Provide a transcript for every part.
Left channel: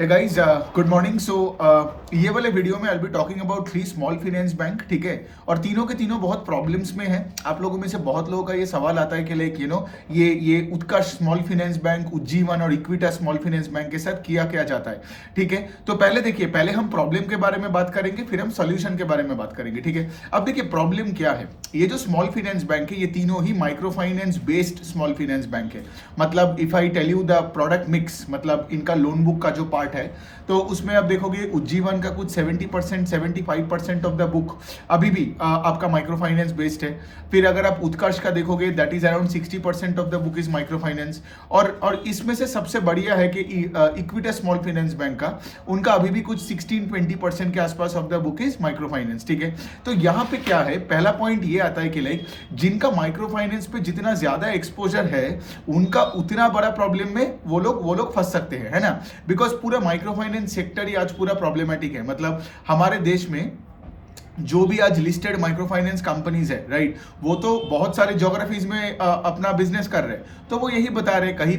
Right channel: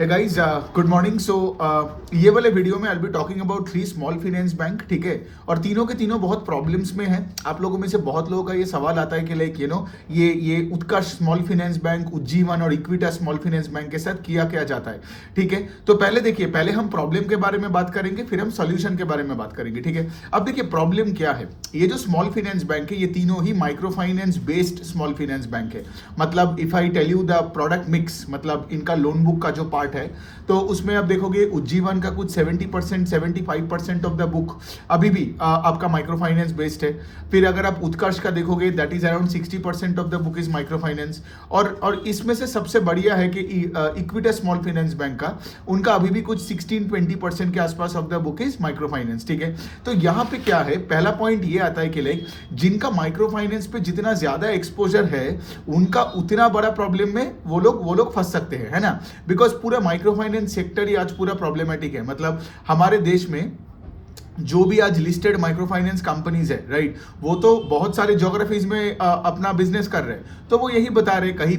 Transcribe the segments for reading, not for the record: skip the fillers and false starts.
Hey guys, good morning. ये वाले video में I be talking about 3 small finance bank, ठीक है। और तीनों के तीनों बहुत प्रॉब्लम्स में हैं। आप लोगों में से बहुत लोगों का ये सवाल आता है कि लाइक ये उत्कर्ष स्मॉल फाइनेंस बैंक, उज्जीवन और इक्विटा स्मॉल फाइनेंस बैंक के साथ किया क्या जाता है, ठीक है। तो पहले देखिए, पहले हम प्रॉब्लम के बारे में बात करेंगे, फिर हम सोल्यूशन के बारे में बात करेंगे, ठीक है। अब देखिए प्रॉब्लम क्या है। ये जो स्मॉल फाइनेंस बैंक है, ये तीनों ही micro finance based small finance bank है। मतलब if I tell you the product mix, मतलब इनका लोन बुक का जो पार्ट है, तो उसमें आप देखोगे उज्जीवन का कुछ 70% 75% ऑफ द बुक अभी भी आपका माइक्रो फाइनेंस बेस्ड है। फिर अगर आप उत्कर्ष का देखोगे, that is around 60% of the book is micro finance. और इसमें से सबसे बढ़िया है कि इक्विटा स्मॉल फाइनेंस बैंक का, उनका अभी भी कुछ 16-20% के आसपास of the book is micro finance, ठीक है। तो यहाँ पे क्या है, पहला पॉइंट ये आता है कि लाइक जिनका माइक्रो फाइनेंस पे जितना ज्यादा एक्सपोजर है, उनका उतना बड़ा प्रॉब्लम में वो लोग फंस सकते हैं, है ना। बिकॉज पूरा माइक्रो फाइनेंस सेक्टर ही आज पूरा प्रॉब्लमेटिक है। मतलब हमारे देश में जो भी आज लिस्टेड माइक्रो फाइनेंस कंपनीज है, राइट, वो तो बहुत सारे ज्योग्राफीज में अपना बिजनेस कर रहे हैं। तो वो यही बता रहे हैं, कहीं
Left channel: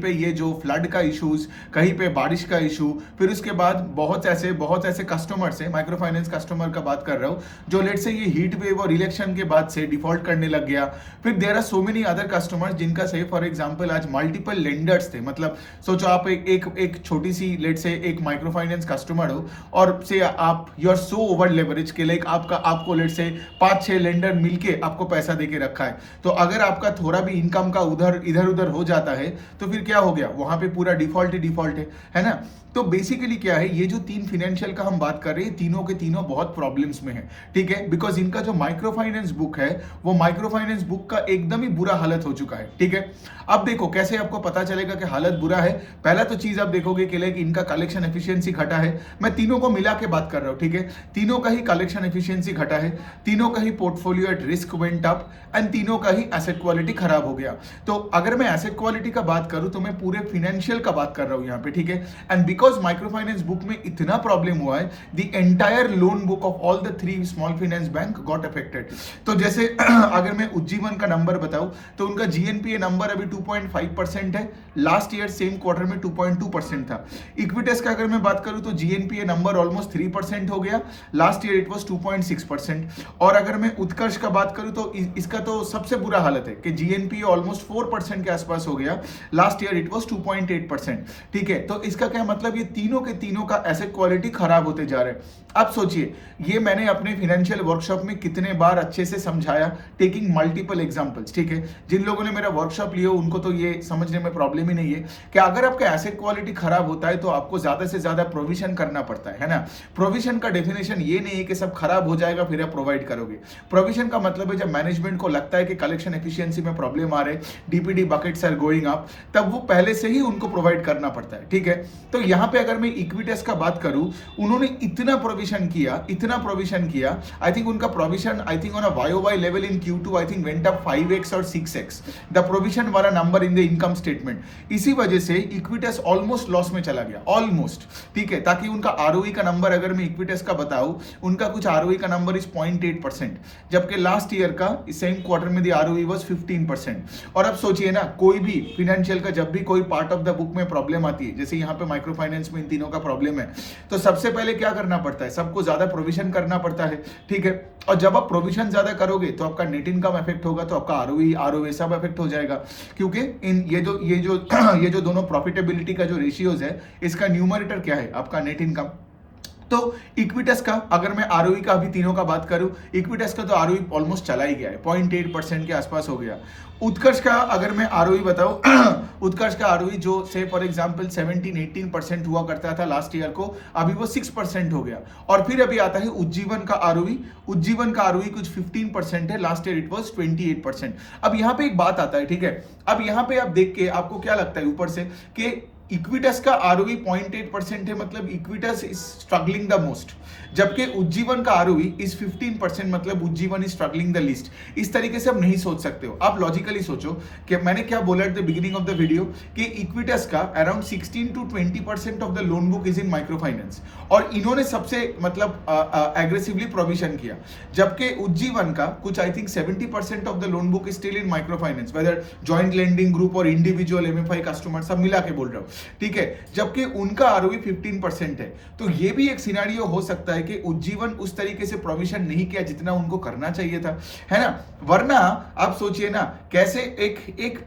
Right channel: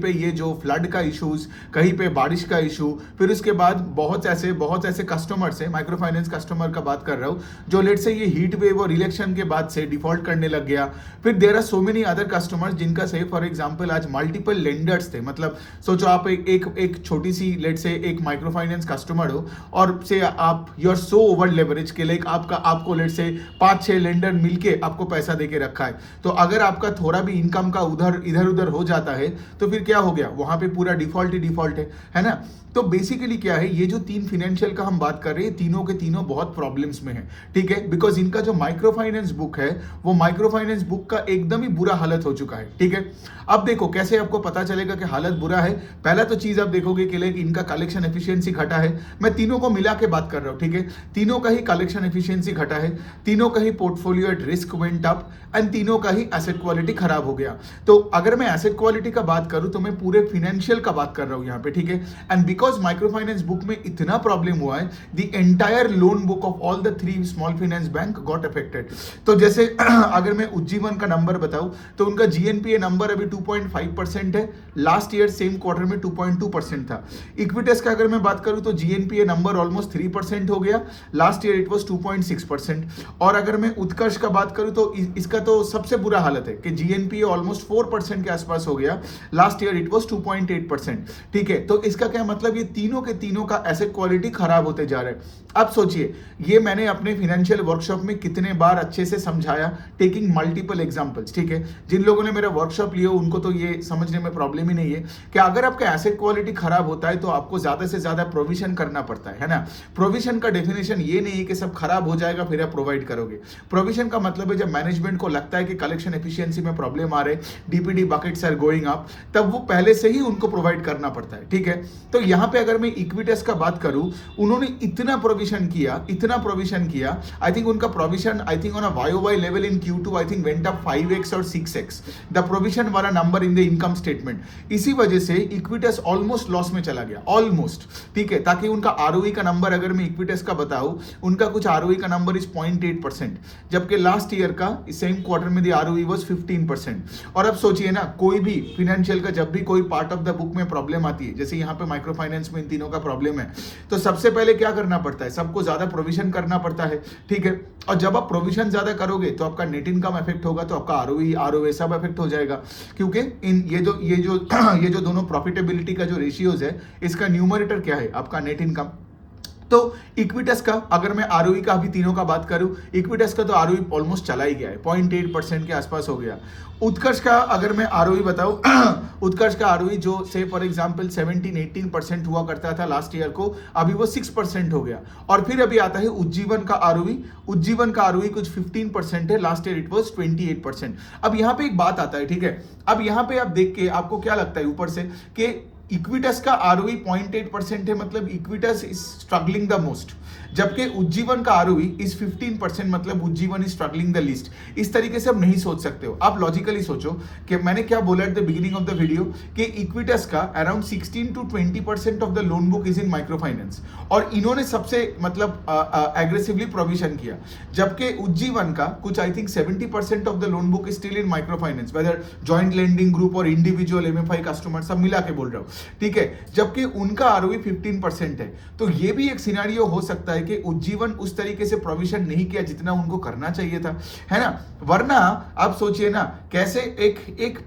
पे ये जो फ्लड का इश्यूज, कहीं पे बारिश का इशू, फिर उसके बाद बहुत ऐसे कस्टमर्स है, माइक्रो फाइनेंस कस्टमर का बात कर रहा हूँ, जो लेट से ये हीट वेव और इलेक्शन के बाद से डिफॉल्ट करने लग गया। फिर there are so many other customers जिनका से फॉर एग्जांपल आज मल्टीपल लेंडर्स थे। मतलब सोचो आप एक छोटी सी लेट से एक माइक्रो फाइनेंस कस्टमर हो, और से आप you are so over leverage के लाइक आपको लेट से 5-6 लेंडर मिलके आपको पैसा देके रखा है। तो अगर आपका थोड़ा भी इनकम का इधर उधर हो जाता है, तो फिर क्या हो गया, वहां पे पूरा डिफॉल्ट ही डिफॉल्ट है ना। तो बेसिकली क्या है, ये जो 3 फाइनेंशियल का हम बात कर रहे हैं, तीनों के तीनों बहुत प्रॉब्लम्स में है, ठीक है। बिकॉज इनका जो माइक्रो फाइनेंस बुक है, वो माइक्रो फाइनेंस बुक का एकदम ही बुरा हालत हो चुका है, ठीक है। अब देखो कैसे आपको पता चलेगा कि हालत बुरा है। पहला तो चीज आप देखोगे कि लाइक इनका कलेक्शन एफिशिएंसी घटा है। मैं तीनों को मिला के बात कर रहा हूं, ठीक है। तीनों का ही कलेक्शन एफिशिएंसी घटा है, तीनों का ही portfolio at risk went up, and तीनों का ही एसेट क्वालिटी खराब हो गया। तो अगर मैं एसेट क्वालिटी का बात करूं, तो मैं पूरे फाइनेंशियल का बात कर रहा हूं यहाँ पे, ठीक है। And because micro finance book में इतना प्रॉब्लम हुआ है, the entire loan book of all the 3 small finance bank got affected. तो जैसे अगर मैं उज्जीवन का नंबर बताऊं, तो उनका जीएनपीए नंबर अभी 2.5% है। लास्ट ईयर सेम क्वार्टर में 2.2% था। इक्विटस का अगर मैं बात करूं, तो जीएनपीए नंबर ऑलमोस्ट 3% हो गया। Last year it was 2.6%। और अगर मैं उत्कर्ष का बात करूं, तो इसका तो सबसे बुरा हालत है कि जीएनपीए ऑलमोस्ट 4% के आसपास हो गया। लास्ट ईयर इट वाज 2.8%, ठीक है। तो इसका क्या मतलब, ये तीनों के तीनों का एसेट क्वालिटी खराब होते जा रहे हैं। अब सोचिए, ये मैंने अपने फाइनेंशियल वर्कशॉप में कितने बार अच्छे से समझाया, टेकिंग मल्टीपल एग्जांपल्स, ठीक है। जिन लोगों ने मेरा वर्कशॉप लिया उनको तो ये समझने में प्रॉब्लम ही नहीं है कि अगर आपका एसेट क्वालिटी खराब होता है, तो आपको ज्यादा से ज्यादा प्रोविजन करना पड़ता है ना। प्रोविजन का डेफिनेशन ये नहीं है कि सब खराब हो जाएगा फिर आप प्रोवाइड करोगे। प्रोविजन का मतलब है जब मैनेजमेंट को लगता है कि कलेक्शन एफिशिएंसी में प्रॉब्लम आ रहे, DPD buckets are going up, तब वो पहले से ही उनको प्रोवाइड करना पड़ता है, ठीक है। तो यहाँ पे अगर मैं इक्विटस का बात करूं, उन्होंने इतना प्रोविजन किया, आई थिंक उनका provision I think on a YOY level in Q2 I think went up 5x और 6x द प्रोविजन वाला number in the income statement. इसी वजह से इक्विटस ऑलमोस्ट लॉस में चला गया, ऑलमोस्ट, ठीक है। ताकि उनका आरओई का नंबर अगर मैं इक्विटस का बताऊं, उनका कुछ आरओई का नंबर इज 0.8%, जबकि लास्ट ईयर का सेम क्वार्टर में द आरओई वाज 15%। और अब सोचिए ना, कोई भी फाइनेंशियल का जब भी कोई पार्ट ऑफ द बुक में प्रॉब्लम आती है, जैसे यहाँ पे माइक्रो फाइनेंस में इन तीनों का प्रॉब्लम है, तो सबसे पहले क्या करना पड़ता है, सबको ज्यादा प्रोविजन करना पड़ता है, ठीक है। और जब आप प्रोविजन ज्यादा करोगे, तो आपका नेट इनकम इफेक्ट होगा, तो आपका आरओई सब इफेक्ट हो जाएगा। क्योंकि इन ये जो दोनों प्रॉफिटेबिलिटी का जो रेशियोज है, इसका न्यूमरेटर क्या है, आपका नेट इनकम। तो इक्विटस का अगर मैं आरओई का अभी तीनों का बात करूं, इक्विटस का तो आरओई ऑलमोस्ट चला ही गया है, 0.8% के आसपास हो गया। उत्कर्ष का अगर मैं आरओई बताऊं, उत्कर्ष का आरओई जो से फॉर एग्जांपल 17-18% हुआ करता था लास्ट ईयर को, अभी वो 6% हो गया। और फिर अभी आता है उज्जीवन का आरओई कुछ 15% है, लास्ट ईयर इट वाज 28%। अब यहाँ पे एक बात आता है, ठीक है। अब यहाँ पे आप देख के आपको क्या लगता है ऊपर से कि इक्विटस का आरओई 0.8% है, मतलब Equitas is struggling the most, जबकि उज्जीवन का आरओई इज 15%, मतलब Ujjivan is struggling the least. इस तरीके से आप नहीं सोच सकते हो। आप लॉजिकली सोचो कि मैंने क्या बोला at the beginning of the video कि इक्विटस का around 16-20% of the loan book is in micro finance, और इन्होंने सबसे मतलब एग्रेसिवली प्रोविजन किया, जबकि उज्जीवन का कुछ I think 70% of the loan book is still in micro finance, whether joint lending group और इंडिविजुअल एमएफआई कस्टमर सब मिला के बोल रहा हूं। ठीक है, जबकि उनका आरओई 15% है। तो ये भी एक सिनेरियो हो सकता है कि उज्जीवन उस तरीके से प्रोविजन नहीं किया जितना उनको करना चाहिए था, है ना। वरना आप सोचिए ना, कैसे एक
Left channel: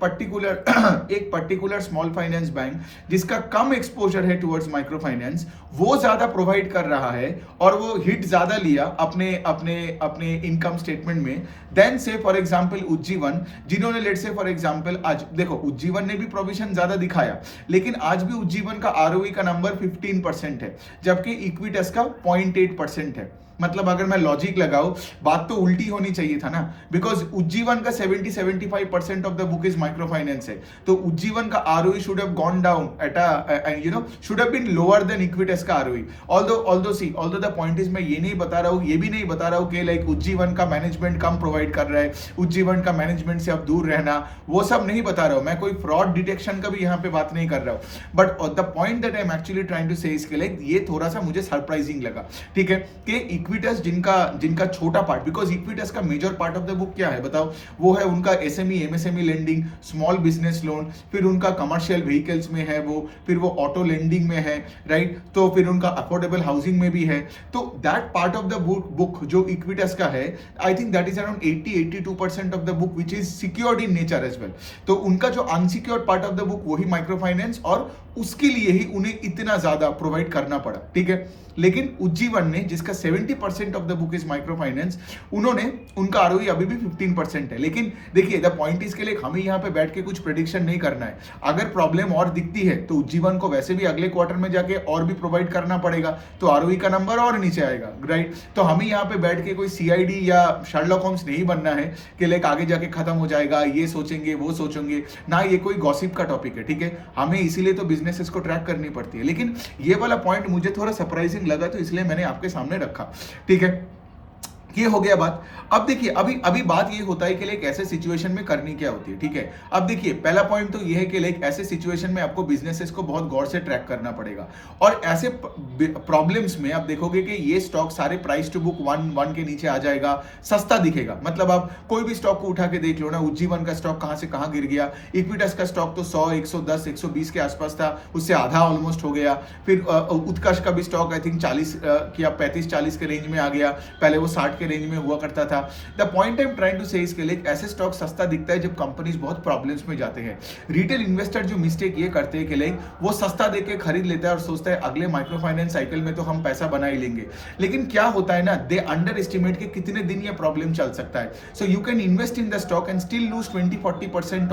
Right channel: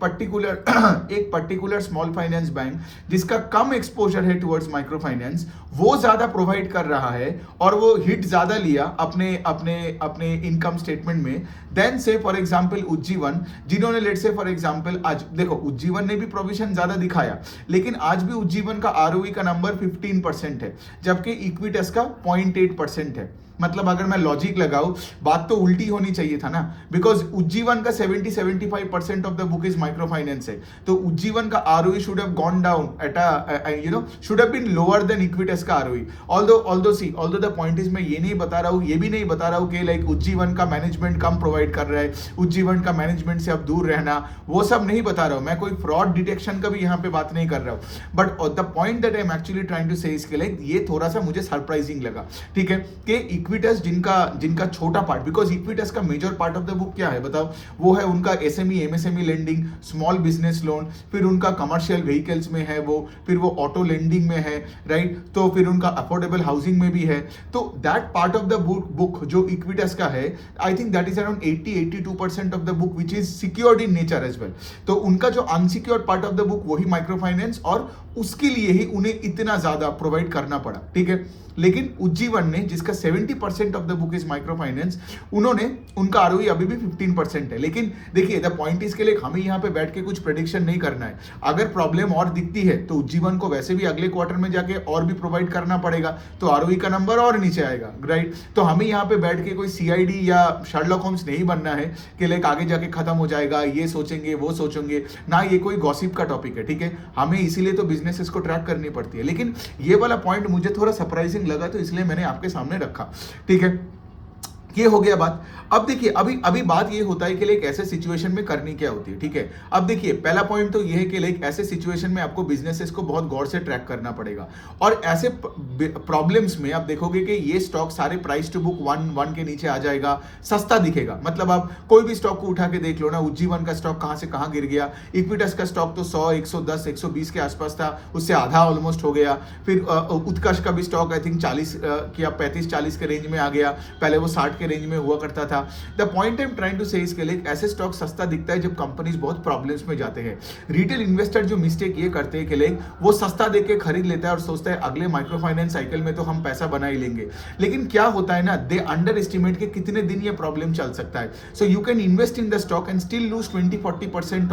पर्टिकुलर स्मॉल फाइनेंस बैंक जिसका कम एक्सपोजर है टुवर्ड्स माइक्रो फाइनेंस, वो ज्यादा प्रोवाइड कर रहा है और वो हिट ज्यादा लिया अपने अपने अपने इनकम स्टेटमेंट में, देन से फॉर एग्जांपल उज्जीवन, जिन्होंने लेट्स से फॉर एग्जांपल आज देखो उज्जीवन ने भी प्रोविजन ज्यादा दिखाया, लेकिन आज भी उज्जीवन का आरओई का नंबर 15% है, जबकि इक्विटस का 0.8% है। मतलब अगर मैं लॉजिक लगाऊं, बात तो उल्टी होनी चाहिए था ना, बिकॉज उज्जीवन का 70-75% of the book is micro finance है, तो उज्जीवन का ROE should have gone down at should have been lower than Equitas का ROE. Although the point is, मैं ये नहीं बता रहा हूं, ये भी नहीं बता रहा हूं कि लाइक उज्जीवन का मैनेजमेंट कम प्रोवाइड कर रहा है, उज्जीवन का मैनेजमेंट से अब दूर रहना, वो सब नहीं बता रहा हूं मैं, कोई फ्रॉड डिटेक्शन का भी यहाँ पे बात नहीं कर रहा हूं। But the point that I am actually trying to say इसके लाइक ये थोड़ा सा मुझे सरप्राइजिंग लगा, ठीक है, कि इक्विटस जिनका छोटा पार्ट, बिकॉज इक्विटस का major part of the book क्या है बताओ, वो है उनका SME MSME lending, small business loan, फिर उनका कमर्शियल व्हीकल्स में है वो, फिर वो ऑटो लेंडिंग में है, राइट, तो फिर उनका अफोर्डेबल हाउसिंग में भी है। तो that part of the book जो इक्विटस का है, I think that is around 80-82% of the book which is secured in nature as well. तो उनका जो unsecured part of the book वही माइक्रो फाइनेंस, और उसके लिए ही उन्हें इतना ज्यादा प्रोवाइड करना पड़ा, ठीक है। लेकिन उज्जीवन ने, जिसका 70% of the book is micro finance, उनका आरओई अभी भी 15% है। लेकिन देखिए द पॉइंट इसके लिए हमें यहाँ पे बैठ के कुछ प्रेडिक्शन नहीं करना है। अगर प्रॉब्लम और दिखती है तो उज्जीवन को वैसे भी अगले क्वार्टर में जाके और भी प्रोवाइड करना पड़ेगा, तो आरओई का नंबर और नीचे आएगा, राइट। तो हमें यहाँ पे बैठ के कोई सीआईडी या शर्लॉक होम्स नहीं बनना है कि लाइक आगे जाके खत्म हो जाएगा, ये सोचेंगे वो सोचेंगे ना, ये कोई गॉसिप का टॉपिक है, ठीक है। हमें इसीलिए तो बिजनेसेस को ट्रैक करनी पड़ती है। लेकिन ये वाला पॉइंट मुझे थोड़ा सरप्राइजिंग लगा, तो इसलिए मैंने आपके सामने रखा, ठीक है। ये हो गया बात। अब देखिए अभी बात ये होता है कि लाइक ऐसे सिचुएशन में करनी क्या होती है, ठीक है। अब देखिए पहला पॉइंट तो ये है कि लाइक ऐसे सिचुएशन में आपको बिजनेसेस को बहुत गौर से ट्रैक करना पड़ेगा, और ऐसे प्रॉब्लम्स में आप देखोगे कि ये स्टॉक सारे प्राइस टू बुक 1 के नीचे आ जाएगा, सस्ता दिखेगा। मतलब आप कोई भी स्टॉक को उठा के देख लो ना, उज्जीवन का स्टॉक कहां से कहां गिर गया, इक्विटस का स्टॉक तो 100, 110, 120 के आसपास था, उससे आधा ऑलमोस्ट हो गया। फिर उत्कर्ष का भी स्टॉक आई थिंक 40 या 35-40 के रेंज में आ गया, पहले वो 60 के रेंज में हुआ करता था। The point I am trying to say इसके लिए, ऐसे स्टॉक सस्ता दिखता है जब कंपनीज बहुत प्रॉब्लम्स में जाते हैं। रिटेल इन्वेस्टर जो मिस्टेक ये करते हैं कि लाइक वो सस्ता देके खरीद लेता है और सोचता है अगले माइक्रो फाइनेंस साइकिल में तो हम पैसा बना ही लेंगे। लेकिन क्या होता है ना, दे अंडर एस्टिमेट के कितने दिन ये प्रॉब्लम चल सकता है। So you can invest in the stock and still lose 20-40%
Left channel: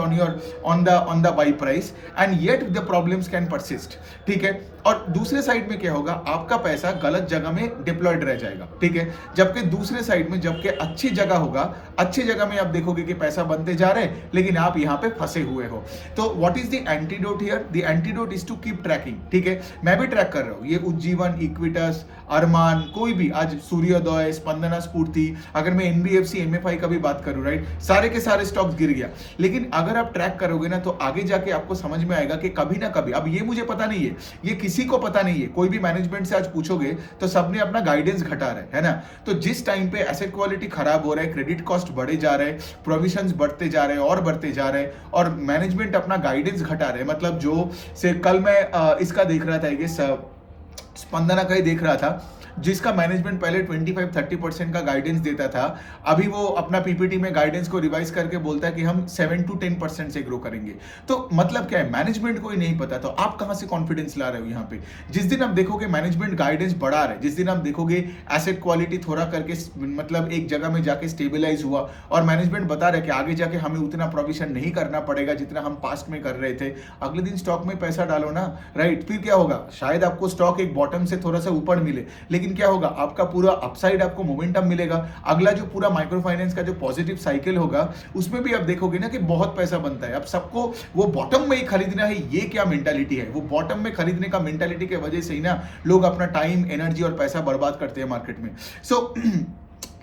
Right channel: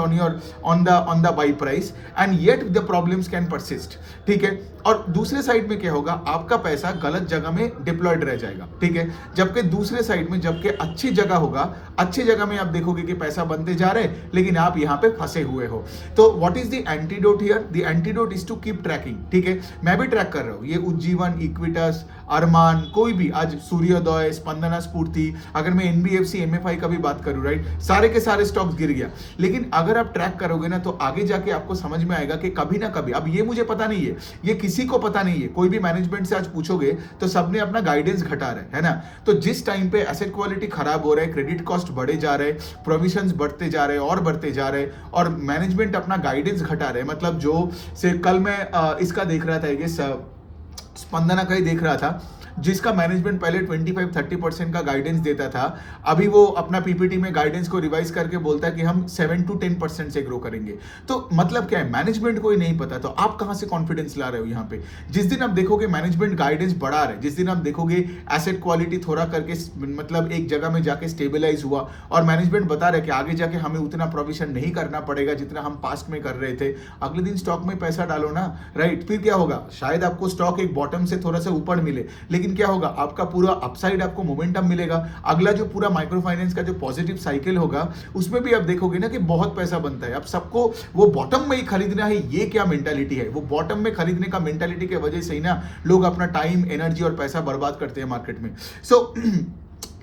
on the buy price, and yet the problems can persist, ठीक है। और दूसरे साइड में क्या होगा, आपका पैसा गलत जगह में डिप्लॉयड रह जाएगा, ठीक है। जबकि दूसरे साइड में जबकि अच्छी जगह होगा, अच्छी जगह में आप देखोगे कि पैसा बनते जा रहे हैं, लेकिन आप यहां पे फंसे हुए हो। तो what is the antidote here? The antidote is to keep tracking, ठीक है। मैं भी ट्रैक कर रहा हूं, ये उज्जीवन, इक्विटस, अरमान, कोई भी, आज सूर्योदय, स्पंदना स्फूर्ति, अगर मैं एनबीएफसी एमएफआई का भी बात करूं, राइट, सारे के सारे स्टॉक्स गिर गया। लेकिन अगर आप ट्रैक करोगे ना, तो आगे जाके आपको समझ में आएगा कि कभी ना कभी, अब ये मुझे पता नहीं है, ये किसी को पता नहीं है, कोई भी मैनेजमेंट से आज पूछोगे तो सबने अपना गाइडेंस घटा रहा है ना। तो जिस टाइम पे एसेट क्वालिटी खराब हो रहा है, क्रेडिट कॉस्ट बढ़े जा रहे हैं, प्रोविजंस बढ़ते जा रहे हैं और बढ़ते जा रहे हैं, और मैनेजमेंट अपना गाइडेंस घटा रहे हैं, मतलब जो से कल मैं इसका देख रहा था, ये स्पंदना का ही देख रहा था, जिसका मैनेजमेंट पहले 25-30% का गाइडेंस देता था, अभी वो अपना पीपीटी में गाइडेंस को रिवाइज करके बोलता है कि हम 7-10% से ग्रो करेंगे। तो मतलब क्या है, मैनेजमेंट को ही नहीं पता, तो आप कहां से कॉन्फिडेंस ला रहे हो यहाँ पे। जिस दिन आप देखोगे मैनेजमेंट गाइडेंस बढ़ा रहे, जिस दिन आप देखोगे एसेट क्वालिटी थोड़ा करके मतलब एक जगह में जाके स्टेबलाइज हुआ, और मैनेजमेंट बता रहे कि आगे जाके हमें उतना प्रोविजन नहीं करना पड़ेगा जितना हम पास्ट में कर रहे थे, अगले दिन स्टॉक में पैसा डालो ना, राइट। फिर क्या होगा, शायद आपको स्टॉक एक बॉटम से थोड़ा सा ऊपर मिले, लेकिन क्या होगा, आपका पूरा अपसाइड आपको मोमेंटम मिलेगा। अगला जो पूरा माइक्रो फाइनेंस का जो पॉजिटिव साइकिल होगा, उसमें भी आप देखोगे ना कि बहुत पैसा बनता है। अब सबको वो बॉटम में ही खरीदना है, ये क्या मेंटालिटी है, वो बॉटम में खरीदने का मेंटालिटी की वजह से ही ना लोग अपना टाइम, एनर्जी और पैसा बर्बाद करते हैं मार्केट में। सो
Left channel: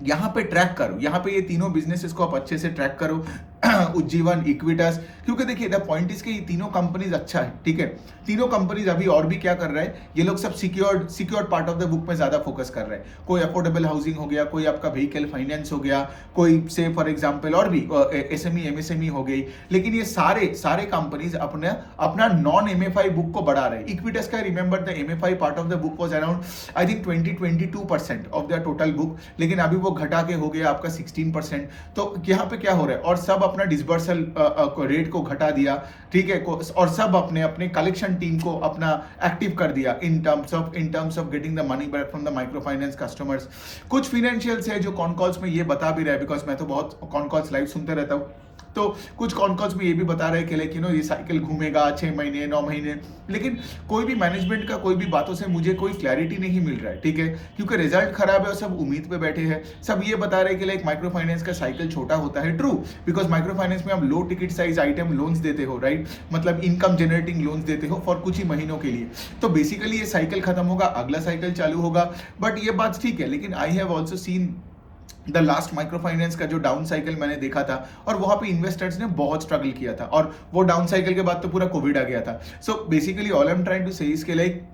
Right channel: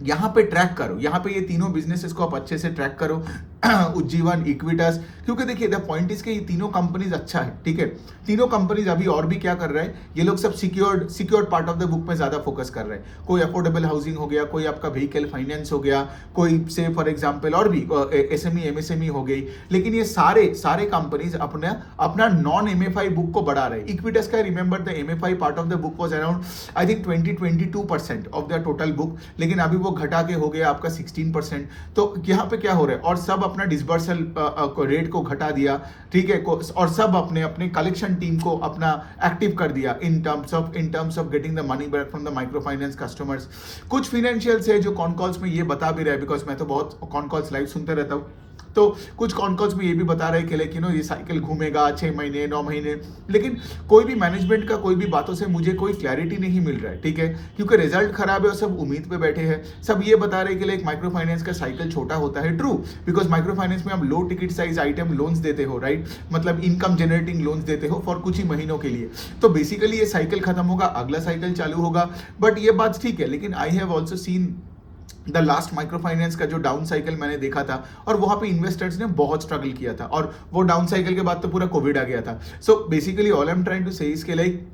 यहाँ पे ट्रैक करो, यहाँ पे ये तीनों बिजनेसेस को आप अच्छे से ट्रैक करो। उज्जीवन, इक्विटास, क्योंकि देखिए द पॉइंट इज के ये तीनों कंपनीज अच्छा है, ठीक है। तीनों कंपनीज अभी और भी क्या कर रहे हैं, ये लोग सब secured part of the book में ज्यादा फोकस कर रहे हैं। कोई अफोर्डेबल हाउसिंग हो गया, कोई आपका व्हीकल फाइनेंस हो गया, कोई से फॉर एग्जांपल और भी एसएमई एमएसएमई हो गई। लेकिन ये सारे कंपनीज अपना नॉन एमएफआई बुक को बढ़ा रहे हैं। इक्विटास का remember the MFI part of the book was around I think 22% of the total book, लेकिन अभी वो घटा के हो गया आपका 16%। तो यहाँ पे क्या हो रहा है, और सब अपना डिसबर्सल रेट को घटा दिया, ठीक है, और सब अपने अपने कलेक्शन टीम को अपना एक्टिव कर दिया in terms of getting the money back from the micro finance customers. कुछ फाइनेंशियल्स है जो कॉन कॉल्स में ये बता भी रहे हैं, बिकॉज मैं तो बहुत कॉन कॉल्स लाइव सुनते रहता हूँ, तो कुछ कॉन कॉल्स में ये भी बता रहे हैं कि लाइक ये साइकिल घूमेगा 6 महीने 9 महीने, लेकिन कोई भी मैनेजमेंट का कोई भी बातों से मुझे कोई क्लैरिटी नहीं मिल रहा है, ठीक है, क्योंकि रिजल्ट खराब है और सब उम्मीद पे बैठे हैं। सब ये बता रहे हैं कि लाइक माइक्रो फाइनेंस का साइकिल छोटा होता है, ट्रू, बिकॉज माइक्रो फाइनेंस में आप लो टिकट साइज आइटम लोन्स देते हो, राइट, मतलब इनकम जनरेटिंग लोन्स देते हो फॉर कुछ ही महीनों के लिए। तो बेसिकली ये साइकिल खत्म होगा, अगला साइकिल चालू होगा, बट ये बात ठीक है। लेकिन I have also seen the last micro finance का जो डाउन साइकिल मैंने देखा था, और वहां पे इन्वेस्टर्स ने बहुत स्ट्रगल किया था, और वो डाउन साइकिल के बाद तो पूरा कोविड आ गया था। So basically all I am trying to say इसके लाइक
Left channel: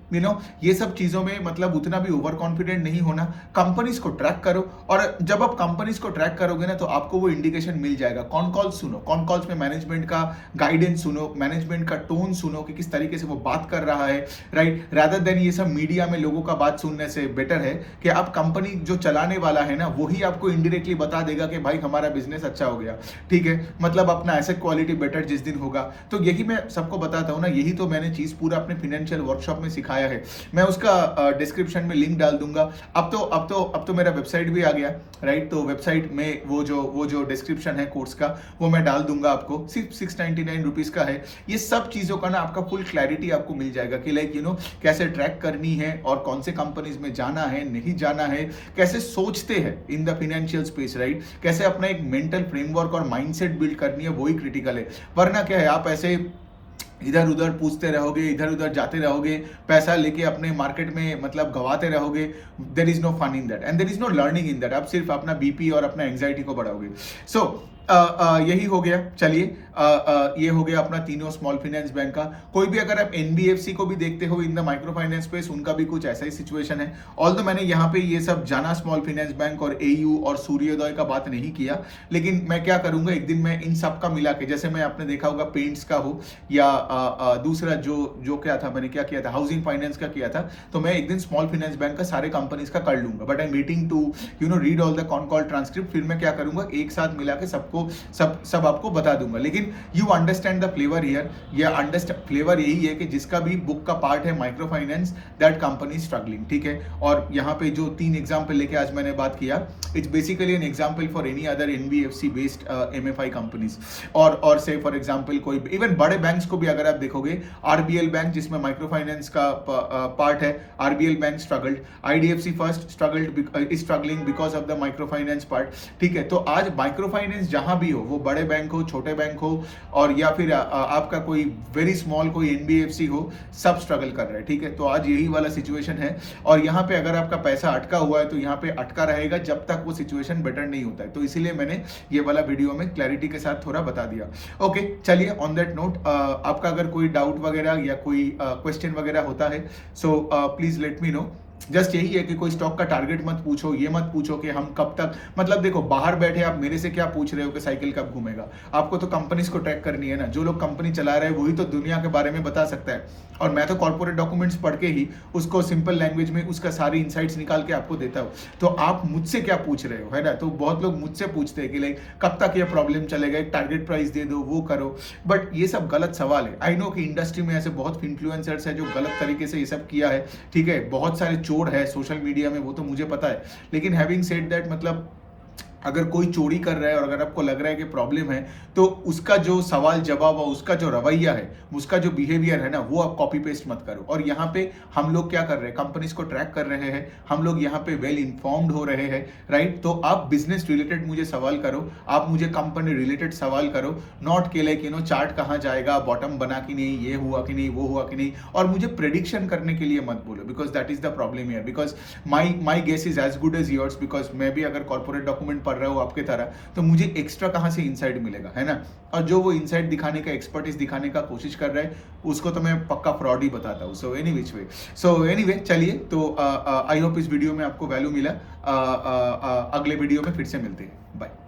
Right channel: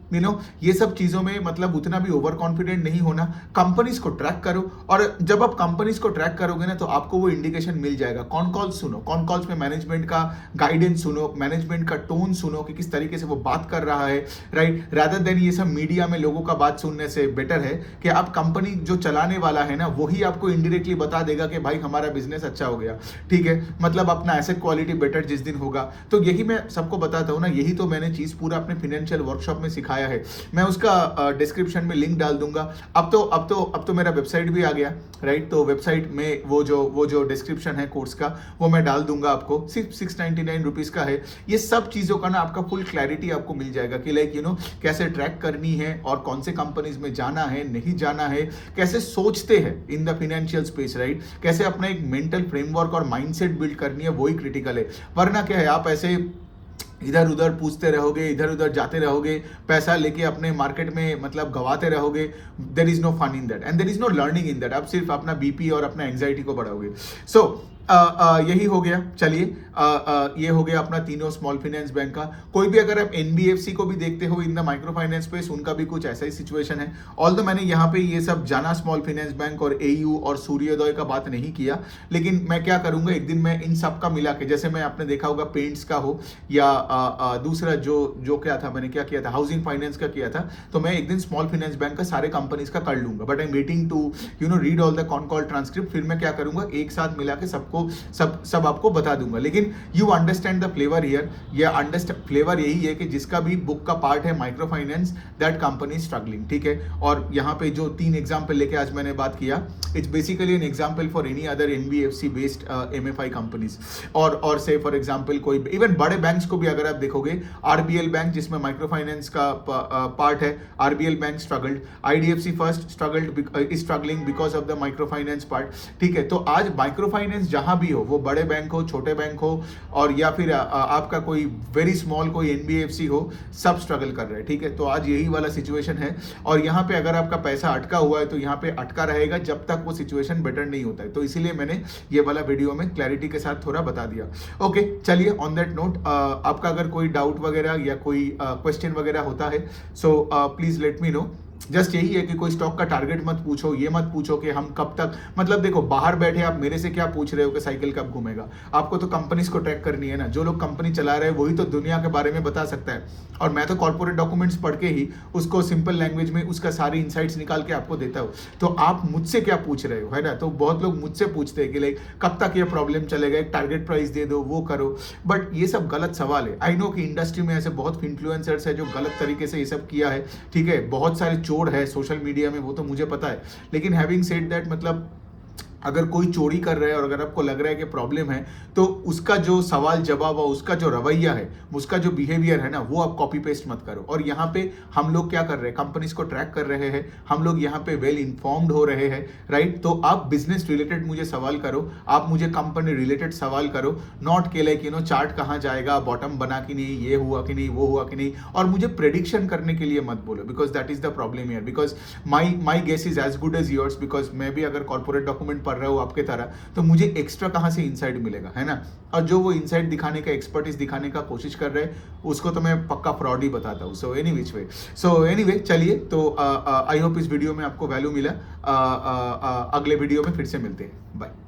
ये सब चीजों में मतलब उतना भी ओवर कॉन्फिडेंट नहीं होना, कंपनीज को ट्रैक करो, और जब आप कंपनीज को ट्रैक करोगे ना तो आपको वो इंडिकेशन मिल जाएगा। कॉन कॉल्स सुनो, कॉन कॉल्स में मैनेजमेंट का गाइडेंस सुनो, मैनेजमेंट का टोन सुनो कि किस तरीके से वो बात कर रहा है, राइट, रादर देन ये सब मीडिया में लोगों का बात सुनने से बेटर है कि आप कंपनी जो चलाने वाला है ना वही आपको इनडायरेक्टली बता देगा कि भाई हमारा बिजनेस अच्छा हो गया, ठीक है, मतलब अपना एसेट क्वालिटी बेटर जिस दिन होगा। तो यही मैं सबको बताता हूँ ना, यही तो मैंने चीज पूरा अपने फाइनेंशियल वर्कशॉप में सिखाया है। मैं उसका डिस्क्रिप्शन में लिंक डाल दूंगा। अब तो मेरा वेबसाइट भी आ गया, राइट, तो वेबसाइट में वो जो डिस्क्रिप्शन है कोर्स का वो मैं डाल दूंगा आपको, सिर्फ 699 रुपीज का है। ये सब चीजों का ना आपका फुल क्लैरिटी आपको मिल जाएगा कि लाइक कैसे ट्रैक करनी है और कौन से कंपनीज में जाना है नहीं जाना है, कैसे सोचते हैं in the financial space, right, कैसे अपना एक मेंटल फ्रेमवर्क और माइंडसेट बिल्ड करनी है, वही क्रिटिकल है। वरना क्या है, आप ऐसे इधर उधर पूछते रहोगे, इधर उधर जाते रहोगे, पैसा लेके अपने मार्केट में मतलब गवाते रहोगे, there is no fun in that and there is no learning in that. आप सिर्फ अपना बीपी और अपना एंजाइटी को बढ़ाओगे। सो यही हो गया। चलिए, ये हो गया अपना तीनों स्मॉल फाइनेंस बैंक का। कोई भी अगर आप एनबीएफसी को भी देखते हो in the micro finance space, उनका भी कुछ ऐसा ही सिचुएशन है। ऑल्दो मैंने यहाँ पे ये सब जाना स्मॉल फाइनेंस बैंक और एयू और सूर्योदय का बात नहीं किया, लेकिन मैं क्या करूंगा, एक दिन मैं इन सब का मिला के, जैसे मैं आपने देखा होगा पेंट्स का हो या दूसरा जो क्या था, मैंने क्या किया था, हाउसिंग फाइनेंस का किया था, तो मैं एक दिन स्मॉल फाइनेंस बैंक का सारे कंपनीज का कर लूंगा। But I am waiting to read all the con call transcript, फिर मैं क्या करूंगा, एक साथ मिला के सबको सब आपको बता दूंगा। लेकिन you understand the flavour here, ये फ्लेवर यही है कि जिसका भी बुक का पार्ट है micro finance, that company struggling, ठीक है। और यहाँ पे जो 3 एग्जाम्पल लेके आज मैंने बात किया, it's basically an example for any other NBFC based MFI companies, और से फॉर एग्जाम्पल कोई इवन बड़े बैंक्स को भी अगर आप देखोगे, आरबीएल बैंक जिसमें माइक्रो फाइनेंस का पार्ट है, RBL bank struggled, IDFC first struggling because of the micro finance part, ठीक है। तो आज माइक्रो फाइनेंस जहां भी हो, वो बड़े बैंक हो, छोटे बैंक हो, और या फिर आपका कोई वेरी स्मॉल कोई एनबीएफसी हो, सब स्ट्रगल कर रहे हैं, ठीक है। तो आज यही वाला सिचुएशन है, और यहाँ पे अगर आपका पैसा अटका हुआ है तो यहाँ पे अटका रहेगा जब तक वो सिचुएशन बेटर नहीं होता है। तो इसीलिए मैंने ये वाला वीडियो में क्लैरिटी के साथ थोड़ा बता दिया। ओके, चलिए, ऑन दैट नोट, आपका अगर कोई डाउट वगैरह या कोई क्वेश्चन वगैरह होता है, so please let me know. Just यही है कि कोई स्टॉक का टारगेट मत पूछो, ये मत पूछो कि हम कब तक, मतलब देखो, बाहर बैठे आप मेरे से क्या पूछ रहे हो कि साइकिल कब घूमेगा। आपको तो कंपनीज को ट्रैक करनी है ना, जो लोग कंपनी चला रहे हैं वही तो दुनिया के बारे में बता सकता है, और मैं तो कॉर्पोरेट डॉक्यूमेंट्स पढ़ के ही उसको सिंपल लैंग्वेज में उसका सारी इनसाइट्स निकाल के आपको देता हूँ। तो आप मुझसे क्या पूछ रहे हो, है ना। तो बहुत लोग मुझसे पूछते हैं कि लाइक कब तक ये प्रॉब्लम चलेगा, एक टारगेट प्राइस दे दो, वो करो, बट ये सब गलत सवाल है। आई नो कि इंडस्ट्री में ऐसे बहुत इन्फ्लुएंसर्स है जो गलत तरीके से ये सब किया है, ठीक है, बहुत सारे चोर है सोशल मीडिया में, वो तो मुझे पता है। लेकिन हैविंग सेड दैट, मतलब अगर कोई चोरी कर रहा है और अगर आपको लग रहा है कि प्रॉब्लम है, तो उसका जो सवाल जवाब और उसका जो रवैया है, उसका जो बिहेवियर है ना, वो आप कॉपी पेस्ट मत करो। और यहाँ पे हम लोग क्या कर रहे हैं, कंपनीज को ट्रैक कर रहे हैं, हम लोग यहाँ पे वेल इन्फॉर्म्ड हो रहे हैं, राइट। तो आप बिजनेस रिलेटेड मुझे सवाल करो, आप मुझे कंपनी रिलेटेड सवाल करो, नॉट के लाइक चार्ट कहाँ जाएगा, बॉटम बना कि नहीं, ये हुआ कि नहीं, वो हुआ कि नहीं। और मुझे प्रेडिक्शन करने के लिए मत बोलो, because that is the problem here. Because my guess is as good as yours, because मैं भी अगर कॉर्पोरेट डॉक्यूमेंट पढ़ रहा हूँ आपके तरह, तो मुझे एक्स्ट्रा कहाँ से इंसाइट मिलेगा, है ना। और जो वो इंसाइट दिखाने का, एक्सपर्टीज दिखाने का कोशिश कर रहा है, उसको तो मैं पक्का फ्रॉड ही बताता हूँ। So any which way, so anyway चलिए, तो आई होप इस वीडियो में आपको वैल्यू मिला। अगले वीडियो में फिर से मिलते हैं, बाय।